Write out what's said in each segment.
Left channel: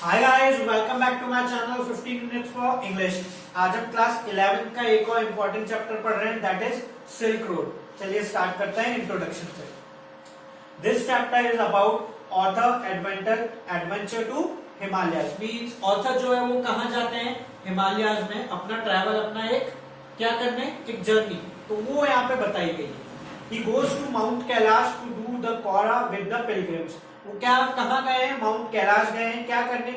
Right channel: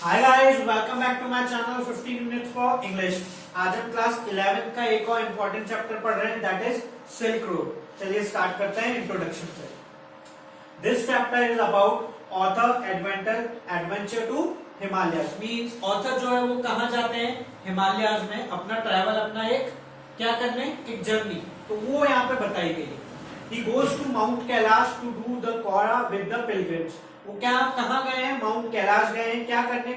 Hi guys, welcome back to my channel 15 minutes for English. आज हम class 11 का एक और इम्पोर्टेंट चैप्टर पढ़ रहे हैं, दैट इज सिल्क रोड। चलिए स्टार्ट करते हैं इंट्रोडक्शन से। This chapter is about author adventure to Himalayas. Means author जो है वो कहाँ जाते हैं, हिमालयाज में अपना ट्रैवल, अपना एक क्या करने, एक जर्नी। तो वो यहाँ पे बताई गई। He goes to Mount Kailash to do the Kora with the pilgrims। वो क्या कहाँ गए हैं, माउंट कैलाश गए हैं, क्या करने।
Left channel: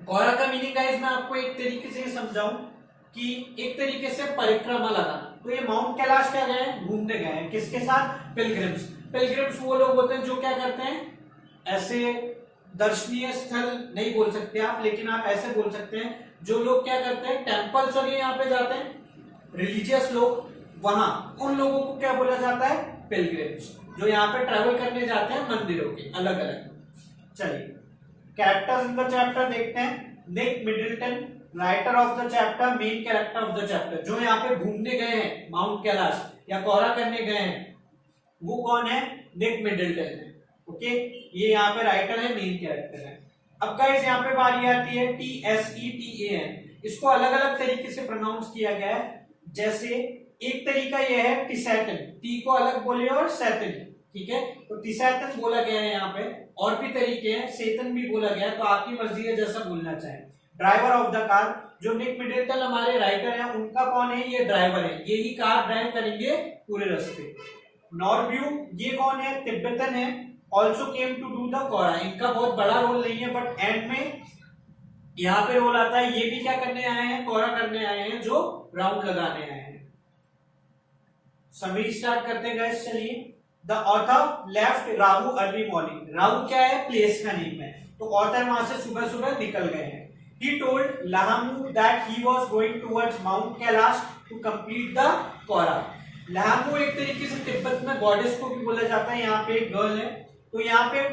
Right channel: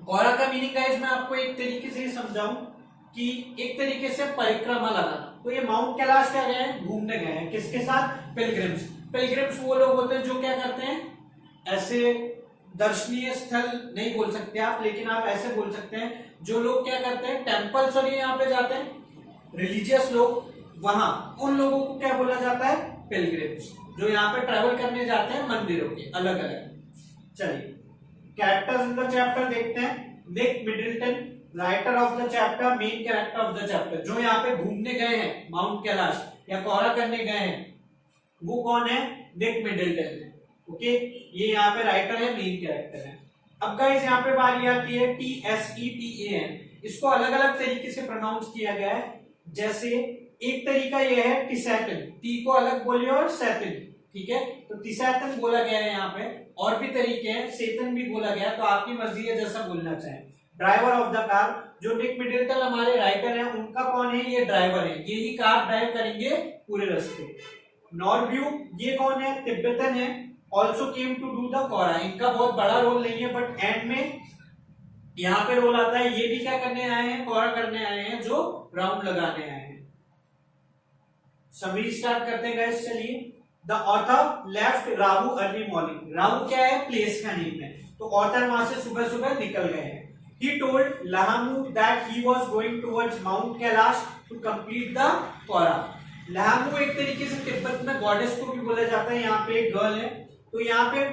कौरा का मीनिंग गाइस मैं आपको एक तरीके से समझाऊं कि एक तरीके से परिक्रमा लगाना। तो ये माउंट कैलाश क्या गए हैं, घूमने गए हैं, किसके साथ, पिलग्रिम्स। पिलग्रिम्स वो लोग होते हैं जो क्या करते हैं, ऐसे दर्शनीय स्थल नहीं बोल सकते आप, लेकिन आप ऐसे बोल सकते हैं जो लोग क्या करते हैं, टेम्पल्स और यहाँ पे जाते हैं, रिलीजियस लोग, वहां उन लोगों को क्या बोला जाता है, पिलग्रिम्स, जो यहाँ पे ट्रैवल करने जाते हैं मंदिरों के अलग अलग। चलिए कैरेक्टर्स इन द चैप्टर देखते हैं। Nick Middleton, writer of the chapter, main character of the chapter. जो यहाँ पे घूमने गए हैं माउंट कैलाश या कोरा करने गए हैं, वो कौन है, निक मिडिल्टन है। ओके, ये यहाँ पे राइटर है, मेन कैरेक्टर है। अब गाइस यहाँ पे बारी आती है TSETAN। इसको अलग अलग तरीके से प्रोनाउंस किया गया है। जैसे एक तरीका यह है टिसैटन, टी को अलग बोलिए और सैतन, ठीक है, तो टिसैटन बोला गया है यहाँ पे। और भी तरीके हैं, सेतन भी बोला गया, तो आपकी मर्जी है जैसा बोलना चाहें। ड्राइवर ऑफ द कार, जो निक मिडिल्टन हमारे राइटर हैं, उनका कौन है, ये ड्राइवर है, ये ही कार ड्राइव करेंगे पूरे रास्ते। नॉर्ब्यू, ये कौन है, तिब्बतन है, also came to do the kora. इनका बहुत बड़ा रोल नहीं है, बट एंड में यहाँ पे रोल आता है। ये भी क्या करने आए हैं, कोरा करने आए हैं, जो राउंड लगाने आए हैं। समरी स्टार्ट करते हैं गाइस, चलिए। The author left Rahu early morning. Rahu क्या है, प्लेस का नेम है, तो ऑथर वहां से सुबह सुबह निकल गए हैं। He told Lhamu that he was going towards mount Kailash to complete the kora. Lhamu एक तरीके से तिब्बत में गॉडेस को भी बोला जाता है, यहाँ पे एक गर्ल है। तो यहाँ पे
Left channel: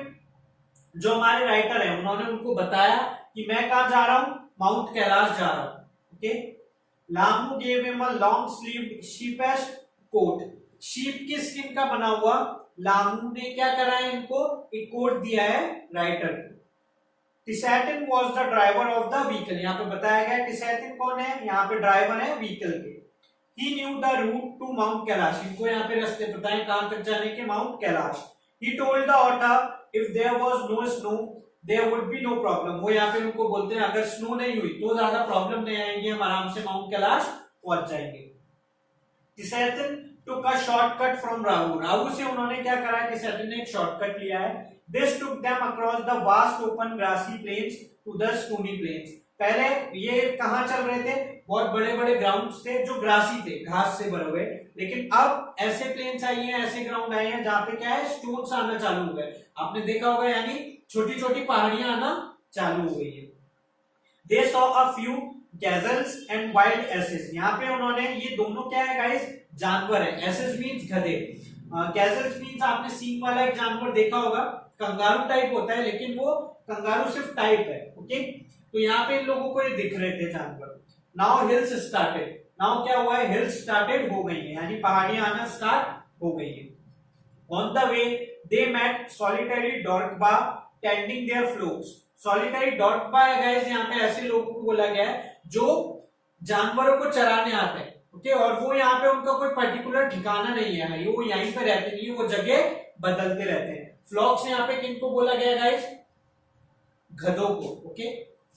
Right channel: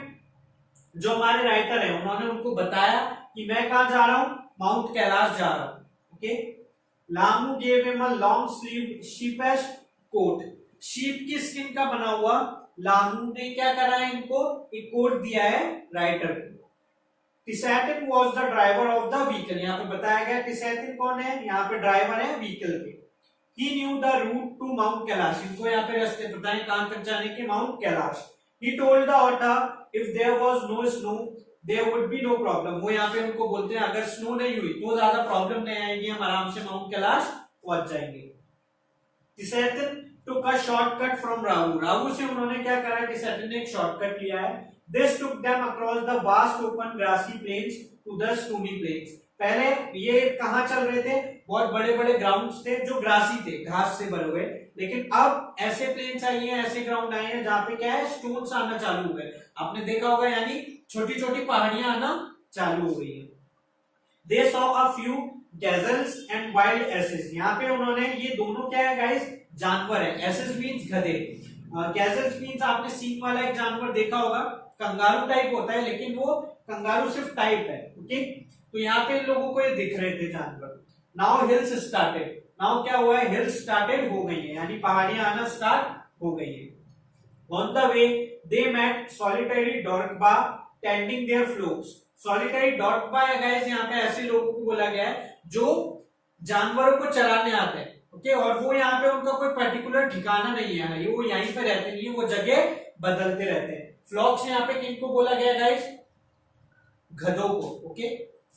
जो हमारे राइटर है, उन्होंने उनको बताया कि मैं कहा जा रहा हूं, माउंट कैलाश जा रहा हूं। Okay, Lhamu gave him a long sleeve sheepskin coat. Sheep की स्किन का बना हुआ लामू ने क्या करा है, इनको एक कोट दिया है राइटर को। Tsetan was the driver of the vehicle. यहाँ पे बताया गया टिसैटन कौन है, यहाँ पे ड्राइवर है व्हीकल के। He knew the route to mount Kailash. इनको यहाँ पे रास्ते पता है कहां तक जाने के, mount Kailash. He told the author if there was no snow there would be no problem. वो यहाँ पे उनको बोलते हैं अगर स्नो नहीं हुई तो ज्यादा प्रॉब्लम नहीं आएगी, हम आराम से माउंट कैलाश पहुंच जाएंगे। टिसैटन took a shortcut from Rahu. Rahu से उन्होंने क्या करा है, टिसैटन ने एक शॉर्टकट लिया है। This took them across the vast open grassy plains to the stony plains। पहले ये कहाँ चल रहे थे, बहुत बड़े बड़े ग्राउंड्स थे जो ग्रासी थे, घास से भरे हुए, लेकिन अब ऐसे प्लेन्स आई हैं, ऐसे ग्राउंड आए हैं जहाँ पे क्या है, स्टोन्स आना चालू हुए। आपने देखा होगा, यानी छोटी छोटी पहाड़ियां आना चालू हो गई है। They saw a few gazelles and wild asses। यहाँ पे उन्होंने, ये दोनों क्या है गाइस, जानवर है। एसेस मीन्स गधे, गैजल्स मीन्स आपने सींग वाला एक जानवर देखा होगा, कंगारू टाइप होता है, लेकिन वो कंगारू सिर्फ टाइप है। ओके, तो यहाँ पे इन लोगों को ये दिख रहे थे जानवर। Now hills started. नाउ क्या हुआ है, हिल्स स्टार्टेड हो गई है, यानी पहाड़ियां आना स्टार्ट हो गई है। On the way they met solitary drokpa tending their flocks. Solitary drokpa है गाइस, यहाँ पे ऐसे लोगों को बोला गया है जो जानवरों को चराने आते हैं। ओके, और वो यहाँ पे उनका कोई पर्टिकुलर ठिकाना नहीं है, वो यहीं पे रहते नहीं है, वो जगह बदलते रहते हैं। फ्लॉक्स यहाँ पे किनको बोला गया गाइस, गधों को। ओके,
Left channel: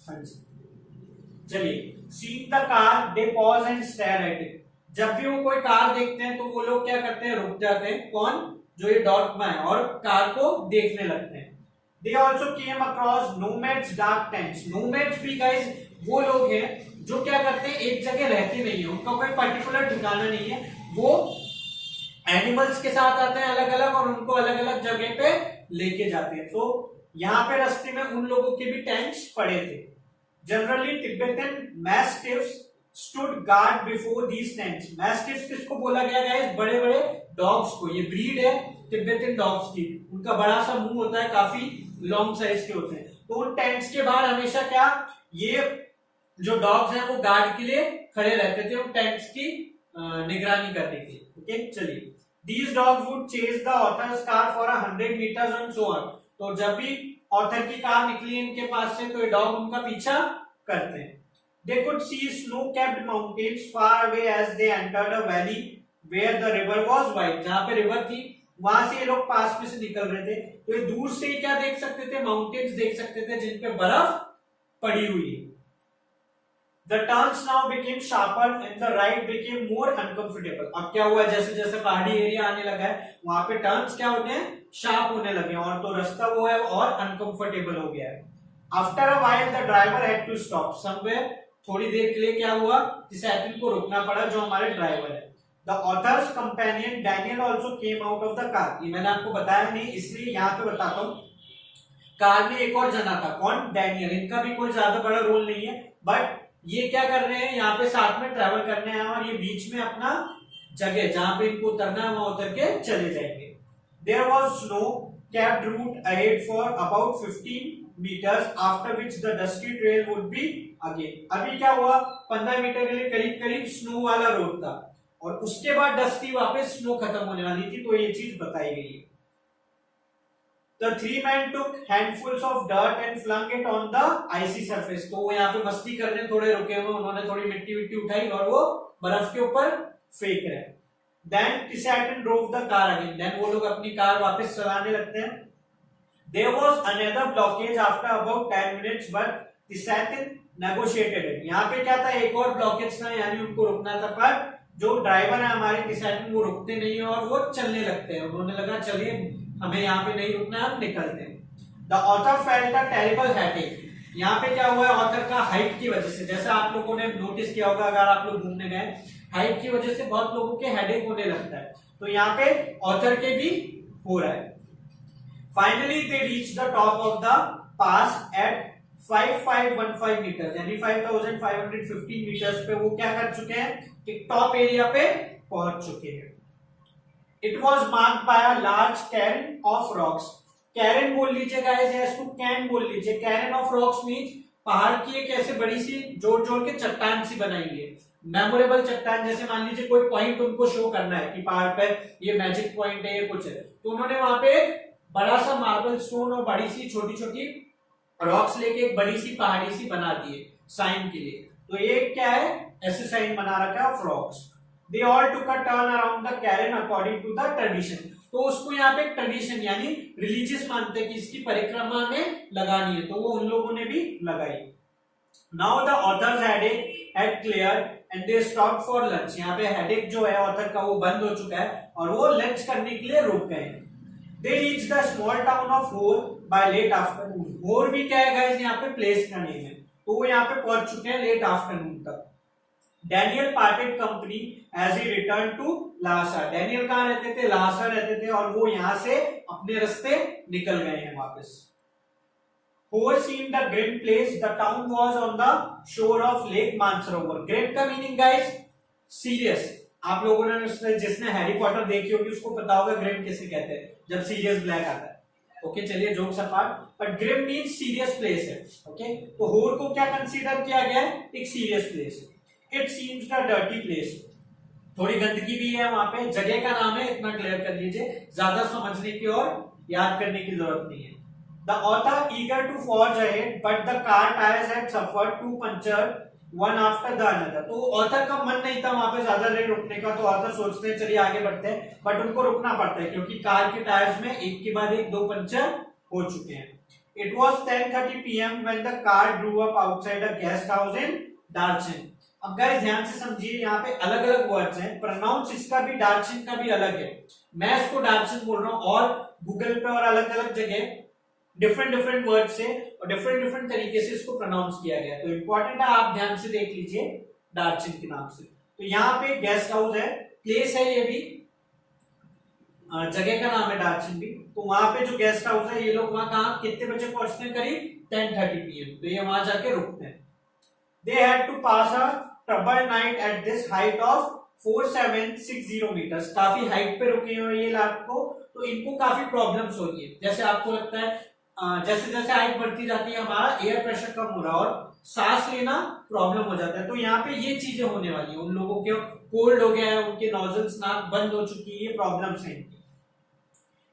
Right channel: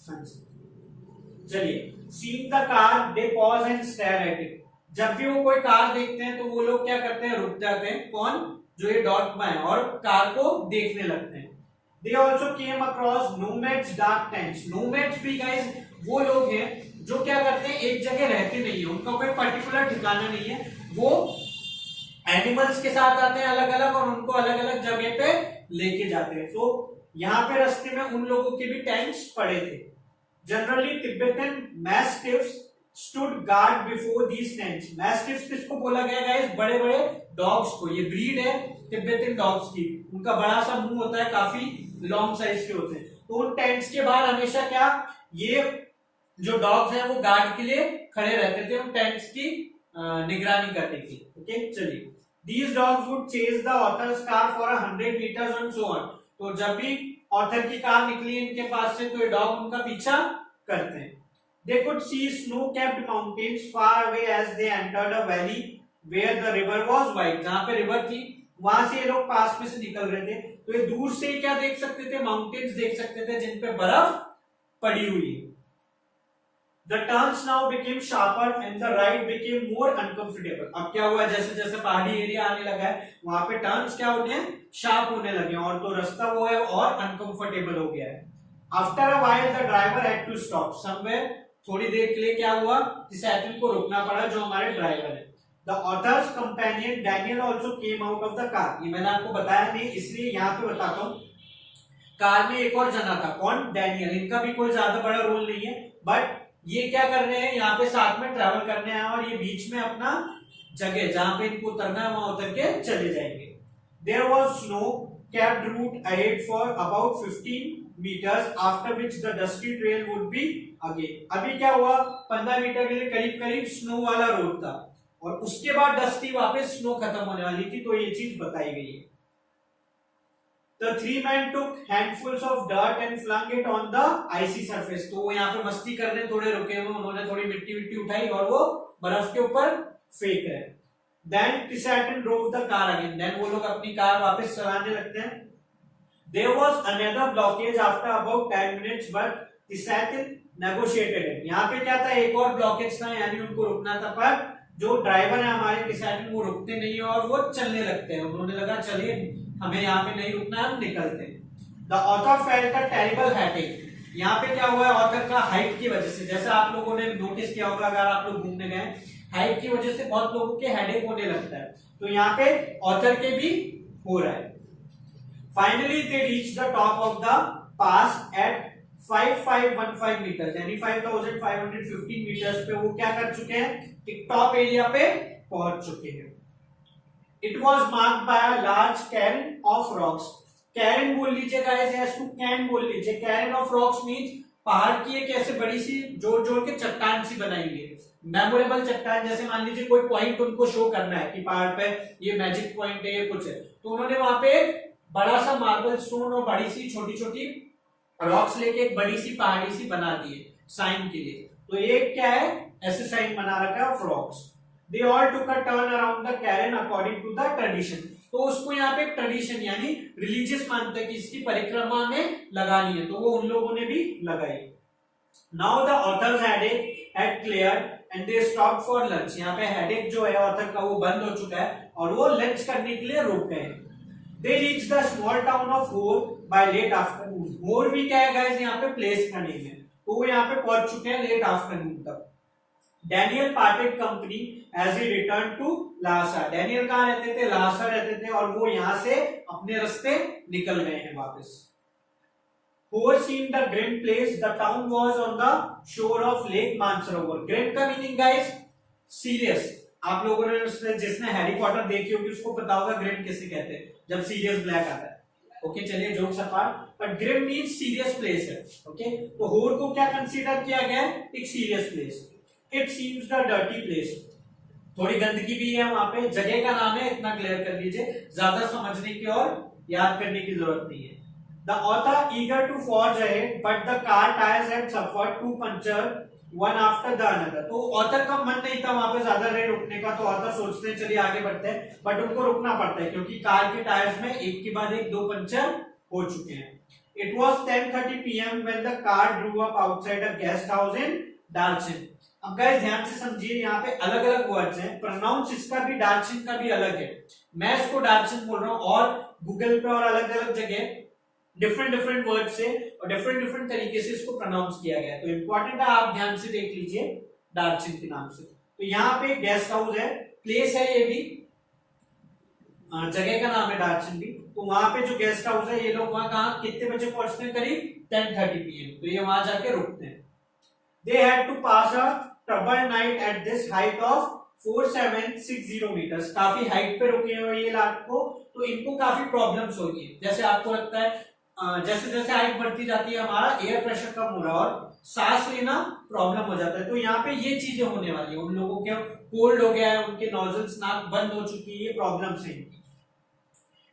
हाँ जी, चलिए। Seeing the car they pause and stare at it. जब भी वो कोई कार देखते हैं तो वो लोग क्या करते हैं, रुक जाते हैं। कौन, जो ये डॉर्कबा है, और कार को देखने लगते हैं। They also came across nomads dark tents. Nomads भी गाइस वो लोग हैं जो क्या करते हैं, एक जगह रहते नहीं है, उनका कोई पर्टिकुलर ठिकाना नहीं है, वो एनिमल्स के साथ आते हैं अलग अलग, और उनको अलग अलग जगह पे लेके जाते हैं। तो यहाँ पे रास्ते में उन लोगों के भी टेंट्स पड़े थे। Generally Tibetan mastiffs stood guard before these tents. Mastiffs किसको बोला गया है, बड़े बड़े डॉग्स को। ये ब्रीड है तिब्बतन डॉग्स की, उनका बड़ा सा मुंह होता है, काफी लॉन्ग साइज के होते हैं। तो उन टेंट्स के बाहर हमेशा क्या, ये जो डॉग्स हैं वो गार्ड के लिए खड़े रहते थे, उन टेंट्स की निगरानी करने के लिए। ओके, चलिए। These dogs would chase the author's car for 100 meters and so on। तो जब भी ऑथर की कार निकली इनके पास से, तो ये डॉग उनका पीछा करते हैं। They could see snow-capped mountains far away as they entered a valley where the river was wide. जहाँ पे रिवर थी वहां से ये लोग पास में से निकल रहे थे, तो ये दूर से क्या देख सकते थे, माउंटेन्स देख सकते थे जिन पे बर्फ पड़ी हुई है। The turns now became sharper and the ride became more uncomfortable. अब क्या हुआ, जैसे जैसे पहाड़ी एरिया आने लगा है वहां पे टर्न्स क्या होने हैं, शार्प होने लगे हैं, और तो रास्ता वो है और अनकंफर्टेबल हो गया है। After a while the driver had to stop somewhere. थोड़ी देर के लिए क्या हुआ, साइकिल को रोकना पड़ा जो हमारे ड्राइवर है। The author's companion Daniel also came out of the car. ये मैंने आपको बताया नहीं, इसलिए यहाँ पे बताता हूँ। कार में एक और जना था, कौन, डैनियल। इनका भी कोई ज्यादा बड़ा रोल नहीं है, बट ये क्या कर रहे हैं, यहाँ पे साथ में ट्रेवल करने आए और ये बीच में अपना जगह जहां पे इनको उतरना है वहां उतर के चले जाएंगे। There was snow capped route ahead for about 15 meters after which the dusty trail would be again. अभी क्या हुआ, 15 मीटर के लिए करीब करीब स्नो वाला रोड था और उसके बाद डस्टी वापस स्नो खत्म होने वाली थी, तो ये चीज बताई गई है। The three men took handfuls of dirt and flung it on the icy surface. तो वो यहाँ पे मस्ती करने थोड़े रुके हुए, उन्होंने थोड़ी मिट्टी विट्टी उठाई और वो बर्फ के ऊपर फेंक रहे। Then Pisatin drove the car again. Then वो लोग अपनी कार वापस चलाने लगते हैं। There was another blockage after about 10 minutes, but Pisatin negotiated it. यहाँ पे क्या था, एक और ब्लॉकेज था, यानी उनको रुकना था, पर जो ड्राइवर है हमारे Pisatin वो रुकते नहीं है और वो चलने लगते हैं। उन्होंने लगा चलिए हमें यहाँ पे नहीं रुकना, हम निकलते हैं। The author felt a terrible headache. यहाँ पे क्या हुआ है, ऑथर का हाइट की वजह से, जैसे आप लोगों ने नोटिस किया होगा अगर आप लोग घूमने गए, हाइट की वजह से बहुत लोगों के हेडेक होने लगता है, तो यहाँ पे ऑथर के भी हो रहा है। Finally they reached the top of the pass at 5515 meters, यानी 5515 meters पे वो क्या कर चुके हैं, एक टॉप एरिया पे पहुंच चुके हैं। It was marked by a large cairn of rocks. Cairn बोल लीजिए गाइस, या इसको कैन बोल लीजिए। कैरन ऑफ रॉक्स मींस पहाड़ की एक ऐसे बड़ी सी जोड़ जोड़ के चट्टान सी बनाई है, मेमोरेबल चट्टान। जैसे मान लीजिए कोई पॉइंट उनको शो करना है कि पहाड़ पे ये मैजिक पॉइंट है, ये कुछ है, तो उन्होंने वहां पे एक बड़ा सा मार्बल स्टोन और बड़ी सी छोटी छोटी रॉक्स लेके एक बड़ी सी पहाड़ी सी बना दी है साइन के लिए। तो ये क्या है, ऐसे साइन बना रखा है of rocks. They all took a turn around the cairn according to the tradition. तो उसको यहाँ पे एक ट्रेडिशन यानी रिलीजियस मानते हैं कि इसकी परिक्रमा में लगानी है, तो वो उन लोगों ने भी लगाई। Now the author's headache had cleared and they stopped for lunch. यहाँ पे हेडेक जो है ऑथर का वो बंद हो चुका है और वो लंच करने के लिए रुक गए। They reached the small town of Hor by late afternoon. Hor भी क्या है गाइस, यहाँ पे प्लेस का नेम है, तो वो यहाँ पे पहुंच चुके हैं लेट आफ्टरनून तक। Daniel parted company as he return to Lhasa. Daniel कहाँ रहते थे, लासा रहते थे, और वो यहाँ से अपने रास्ते निकल गए हैं वापस। Hor seemed a grim place. The town was on the shore of Lake Mansarovar. Grim का मीनिंग गाइस सीरियस। आप लोगों ने जिसने हैरी पॉटर देखी होगी उसको पता होगा ग्रिम किसे कहते हैं, जब सीरियस ब्लैक आता है। ओके चलिए jokes apart, but grim means serious place है। ओके तो होर को क्या कंसीडर किया गया है, एक serious place. It seems the dirty place, थोड़ी गंदगी भी है वहां पे। जगह का नाम है, इतना क्लियर कर लीजिए, ज्यादा समझने की और याद करने की जरूरत नहीं है। The author eager to forge ahead but the car tyres had suffered to puncture one after the another. तो ऑथर का मन नहीं था वहां पे ज्यादा देर रुकने का, तो ऑथर सोचते हैं चलिए आगे बढ़ते हैं, बट उनको रुकना पड़ता है क्योंकि कार के टायर्स में एक के बाद एक 2 पंचर हो चुके हैं। It was 10:30 p.m. when the car drew up outside a guest house in Darchin. अब गाइस ध्यान से समझिए, यहाँ पे अलग अलग वर्ड्स हैं, प्रोनाउंस इसका भी डार्चिन का भी अलग है। मैं इसको डार्चिन बोल रहा हूँ और गूगल पे और अलग अलग जगह डिफरेंट वर्ड से और डिफरेंट तरीके से इसको प्रोनाउंस किया गया, तो इंपॉर्टेंट है आप ध्यान से देख लीजिए डार्चिन के नाम से। तो यहाँ पे गेस्ट हाउस है, प्लेस है, ये भी जगह का नाम है डार्चिन भी। तो वहां पे जो गेस्ट हाउस है, ये लोग वहां कहाँ कितने बजे पहुंचते हैं, करीब 10:30 PM, तो ये वहां जाके रुकते हैं। They had to pass a troubled night at this height of 4760 meters. काफी हाइट पे रुके हुए ये रात को, तो इनको काफी प्रॉब्लम्स हो रही है। जैसे आपको लगता है जैसे जैसे हाइट बढ़ती जाती है हमारा एयर प्रेशर कम हो रहा है और सांस लेना प्रॉब्लम हो जाता है, तो यहाँ पे ये चीजें होने वाली है। उन लोगों के कोल्ड हो गया है, उनके नोजल्स नाक बंद हो चुकी है, ये प्रॉब्लम्स है इनकी।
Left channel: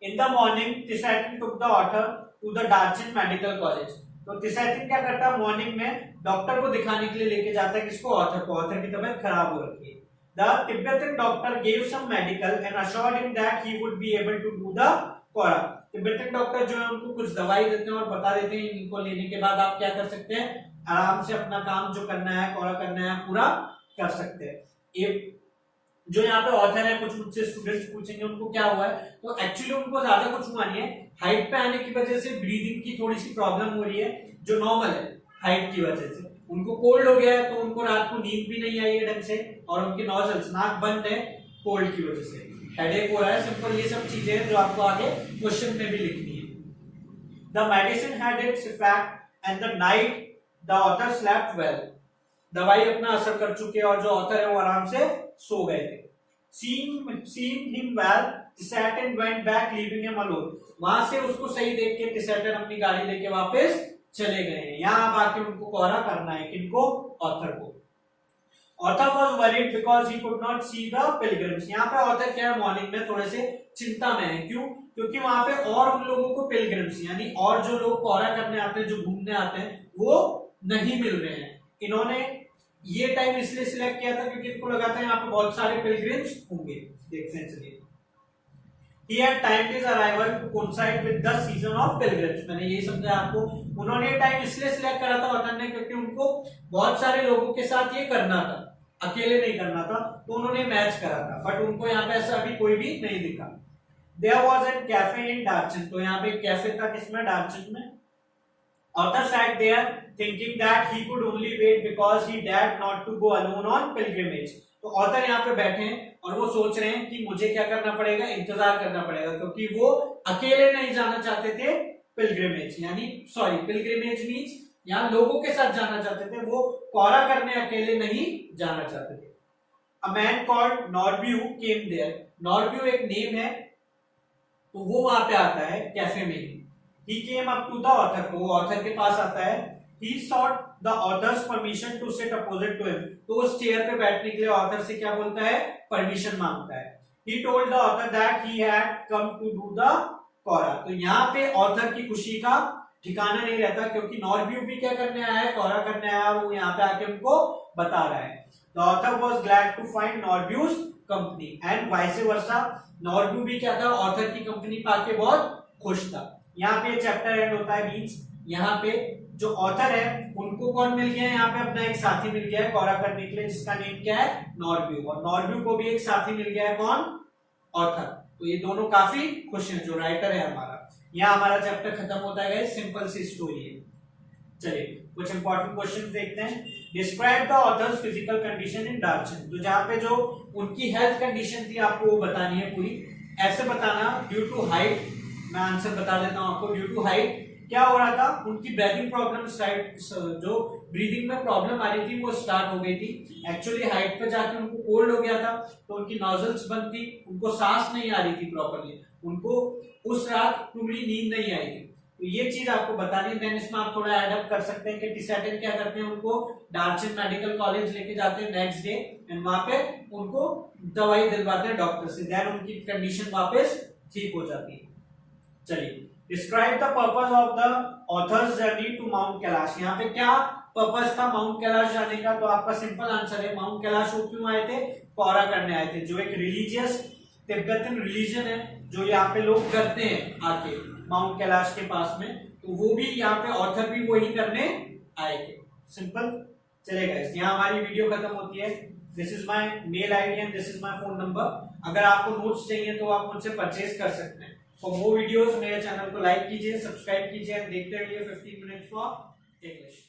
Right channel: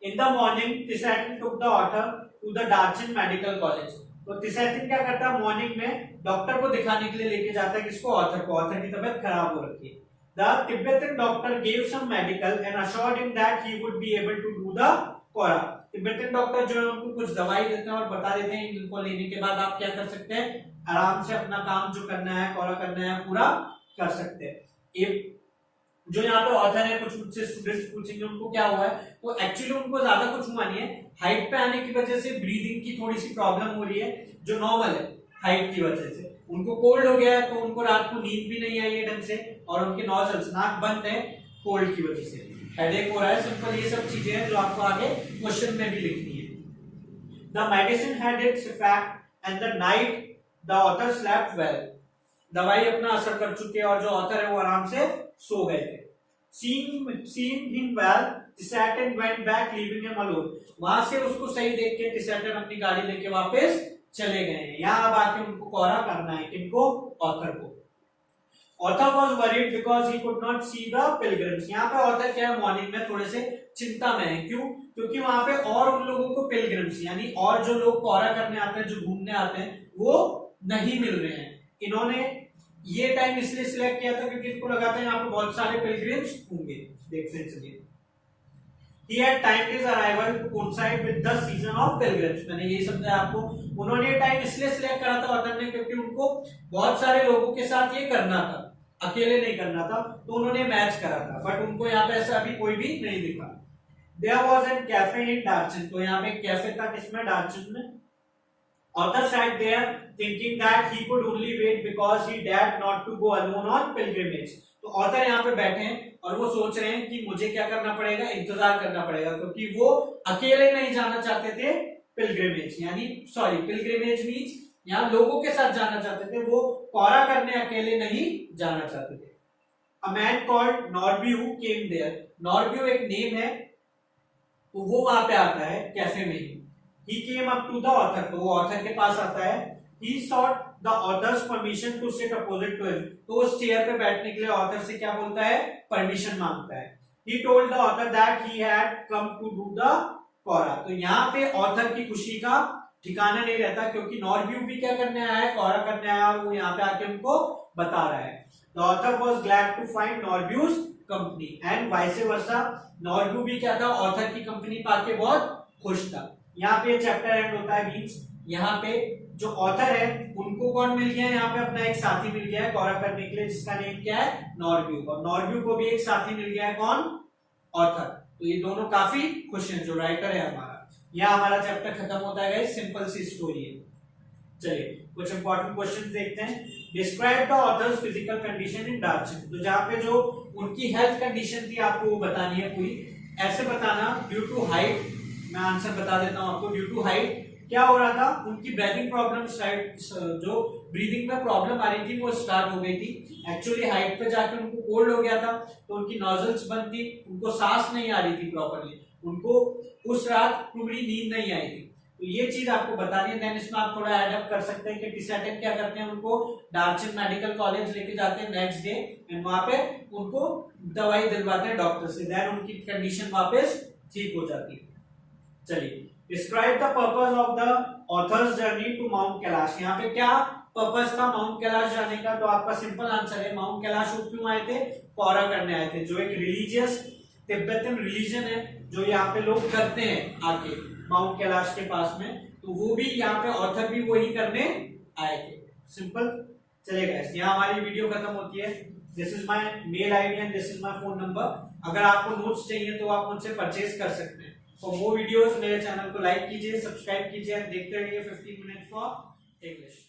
In the morning, Pisatin took the author to the Darchen medical college. तो तिसेटिन क्या करता है, मॉर्निंग में डॉक्टर को दिखाने के लिए लेके जाता है किसको, ऑथर को। ऑथर की तबीयत खराब हो रखी है। The Tibetan doctor gave some medical and assured him that he would be able to do the Quora. Tibetan doctor जो है उनको कुछ दवाई देते हैं और बता देते हैं इनको लेने के बाद आप क्या कर सकते हैं, आराम से अपना काम जो करना है, कोरा करना है, पूरा कर सकते हैं। एक जो यहाँ पे ऑथर है, कुछ मुझसे स्टूडेंट्स पूछेंगे उनको क्या हुआ है, तो एक्चुअली उनको ज्यादा कुछ हुआ नहीं है, हाइट पे आने की वजह से ब्रीदिंग की थोड़ी सी प्रॉब्लम हो रही है जो नॉर्मल है हाइट की वजह से। उनको कोल्ड हो गया है तो उनको रात को नींद भी नहीं आई है ढंग से, और उनके नोजल्स नाक बंद है कोल्ड की वजह से, हेडेक हो रहा है, सिंपल ये सब चीजें हैं जो आपको आगे क्वेश्चन में भी लिखनी है। The medicine had its effect and the night the author slept well. दवाई अपना असर कर चुकी है और जो ऑथर है वो आराम से सो गए थे। Seeing him well, Tisaten went back leaving him alone. वहां से उसको सही देख के Tisaten अपनी गाड़ी लेके वापस चले गए हैं। यहाँ अब आके उनको कोरा करना है, किनको, ऑथर को। Author was worried because he could not see the pilgrims. यहाँ पे ऑथर क्या है, मॉर्निंग में थोड़े से चिंता में है। क्यों, क्योंकि वहां पे और उन लोगों को पिलग्रिम्स यानी और जो लोग कोरा करने आते हैं, जो घूमने आते हैं, वो नहीं मिल रहे हैं। इन्होंने ये टाइम इसलिए सिलेक्ट किया था क्योंकि इनको लगा था यहाँ पे बहुत सारे पिलग्रिम्स होंगे। देखते हैं चलिए। He had timed his arrival to coincide with the season of pilgrims। मैंने यही समझा आपको। उन्होंने ये टाइम इसलिए सिलेक्ट करा था ऑथर ने क्योंकि उनको बहुत सारे लोगों के साथ ये करना था, अकेले नहीं करना था, तो उन्होंने मैच करा था। बट उनको यहाँ पे ऐसा अभी कोई भी नहीं दिखा। There was a cafe in Darchen। तो यहाँ पे कैफे था किसमें, डार्चन में। Author sat there thinking that he could only wait because he dared not to go alone on pilgrimage। तो ऑथर यहाँ पे बैठे हैं और वो सोच रहे हैं कि मुझे क्या करना पड़ेगा, इंतजार करना पड़ेगा, क्योंकि वो अकेले नहीं जाना चाहते थे पिलग्रिमेज, यानी सॉरी पिलग्रिमेज मीन्स यहाँ लोगों के साथ जाना चाहते थे, वो कोरा करने अकेले नहीं जाना चाहते थे। A man called Norbu came there। Norbu एक नेम है, तो वो वहां पे आता है कैफे में ही। He came up to the author। तो वो ऑथर के पास आता है। He sought the author's permission to sit opposite to him। तो उस चेयर पे बैठने के लिए ऑथर से क्या बोलता है, परमिशन मांगता है। He told the author that he had come to do the कोरा। तो यहाँ पे ऑथर की खुशी का ठिकाना नहीं रहता, क्योंकि नॉर्ब्यू भी क्या करने आया है, कोरा करने आया, और वो यहाँ पे आके उनको बता रहा है। The author was glad to find Norbu's company and vice versa। नॉर्ब्यू भी क्या था, ऑथर की कंपनी पाके बहुत खुश था। यहाँ पे चैप्टर एंड होता है, मींस यहाँ पे जो ऑथर है उनको कौन मिल गया है, यहाँ पे अपना एक साथी मिल गया है कोरा करने के लिए, जिसका नेम क्या है, नॉर्ब्यू। और नॉर्ब्यू को भी एक साथी मिल गया है, कौन, ऑथर। तो ये दोनों काफी खुश हैं, जो राइटर है हमारा। यहाँ हमारा चैप्टर खत्म होता है, सिंपल सी स्टोरी है। चलिए कुछ इंपॉर्टेंट क्वेश्चन देखते हैं। Describe the author's physical condition in Darchen. तो जहाँ पे जो उनकी हेल्थ कंडीशन थी आपको वो बतानी है पूरी। ऐसे बताना, ड्यू टू हाइट, मैं आंसर बता देता हूं आपको। ड्यू टू हाइट क्या हो रहा था, उनकी ब्रीदिंग प्रॉब्लम, जो ब्रीदिंग में प्रॉब्लम आ रही थी वो स्टार्ट हो गई थी। एक्चुअली हाइट पे जाके उनको कोल्ड हो गया था, तो उनकी नोजल्स बंद थी, उनको सांस नहीं आ रही थी प्रॉपर्ली, उनको उस रात पूरी नींद नहीं आई थी। तो ये चीज आपको बतानी है। देन इसमें आप थोड़ा एडअप कर सकते हैं कि टिसैटिन क्या करते हैं, उनको डार्चन मेडिकल कॉलेज लेके जाते हैं नेक्स्ट डे, एंड वहां पे उनको दवाई दिलवाते हैं डॉक्टर से। देन उनकी कंडीशन वापस ठीक हो जाती है। चलिए, describe the purpose of the author's journey to mount Kailash. यहाँ पे क्या पर्पस था माउंट कैलाश जाने का, तो आपका सिंपल आंसर है, माउंट कैलाश वो क्यों आए थे, कोरा करने आए थे। जो एक रिलीजियस तिब्बतन रिलीजन है जो यहाँ पे लोग करते हैं आके माउंट कैलाश के पास में, तो वो भी यहाँ पे ऑथर भी वही करने आए थे। सिंपल। चलेगा, यहाँ हमारी वीडियो खत्म होती है। This is my mail ID and this is my phone number. अगर आपको नोट्स चाहिए तो आप मुझसे परचेज कर सकते हैं। फॉर मोर वीडियोस मेरे चैनल को लाइक कीजिए, सब्सक्राइब कीजिए, देखते रहिए 15 मिनट्स फॉर इंग्लिश।